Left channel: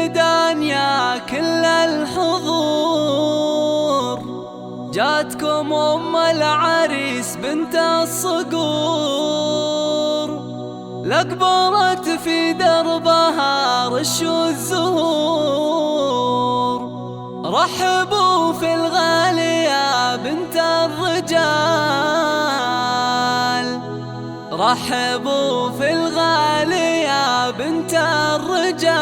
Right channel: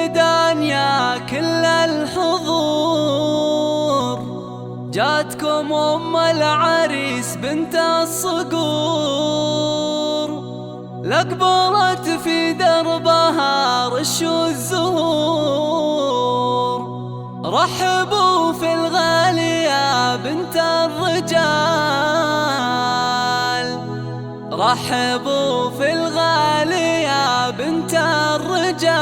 الميدان يا كل الحضور، جاتكم أم العريس بنت الصقور، لقبرت في دربها رش الزهور. رحبوا في الغالي يا بنت الرجال، رحبوا في الغالي يا بنت الرجال.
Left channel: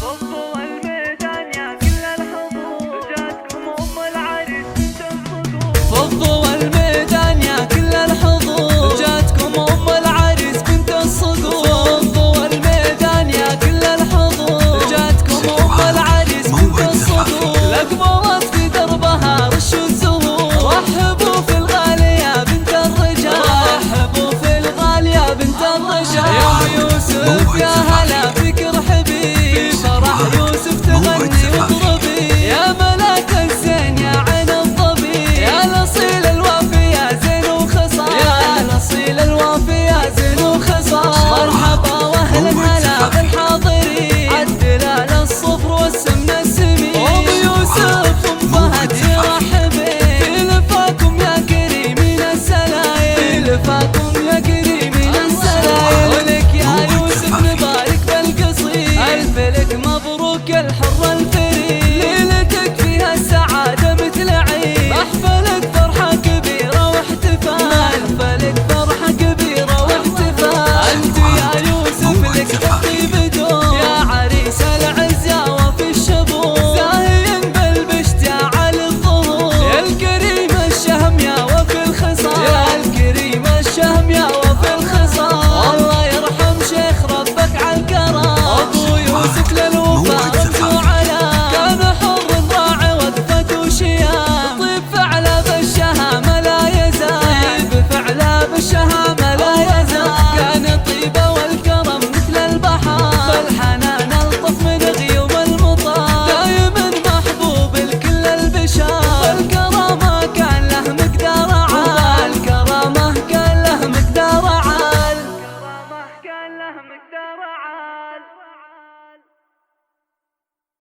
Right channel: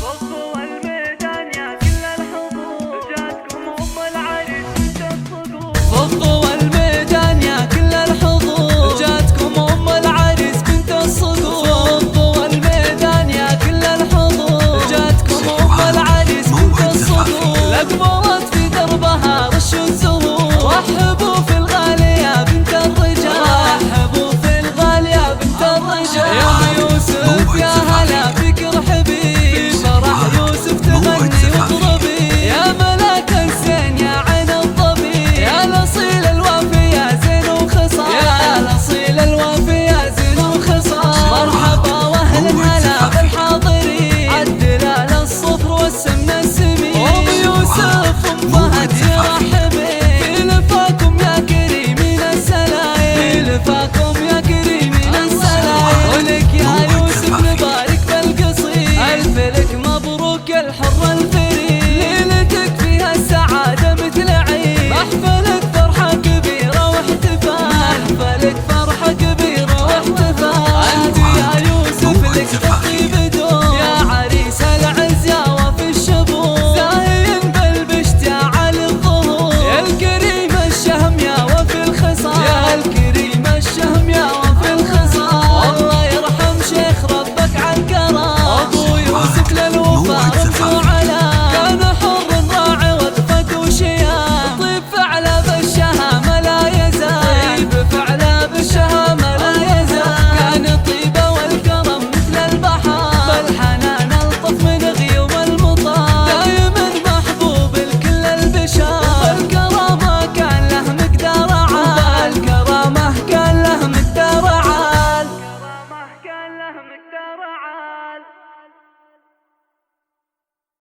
فضوا الميدان يا كل الحضور، جاتكم أم العريس بنت الصقور. فضوا الميدان يا كل الحضور، جاتكم أم العريس بنت الصقور. فضوا الميدان يا كل الحضور، جاتكم أم العريس بنت الصقور، لقبرت في دربها رش الزهور. رحبوا في الغالي يا بنت الرجال، رحبوا في الغالي يا بنت الرجال. يا ام يوسف يا هلا فيك ارحبي، في فرح يوسف تغني واضربي. يا ملاك الزين يا عين الظبي، يا الاصيل الوافي يا زين وخصال، يا الاصيل الوافي يا زين وخصال. مرحبا واهلا هلا بالحاضرين، عالدلال الصفر والسمن السمين. ام يوسف ام فهد يرحبين، في لفاكم يا كريمين السلايم، في لفاكم يا كريمين السلايم. ولك يا يوسف نبارك بالقصيد، الف لك مبروك الحر الفريد. ليلتك فيها السعادة مثل عيد، محفلك فرحة كبيرة واحتفال، محفلك فرحة كبيرة واحتفال. انت يا يوسف لك بالطيب دوم، يا عريس العز يا وفي الشبور، زاهين بالبشت يا علي الظهور. يا الكريم الشهم يا وفي الخصال، يا الكريم الشهم يا وفي الخصال. الله يرحم شيخ ربك عالكرم، ابو يوسف للوفا رمز وعلا، كان حر راعي وقفة وشيال.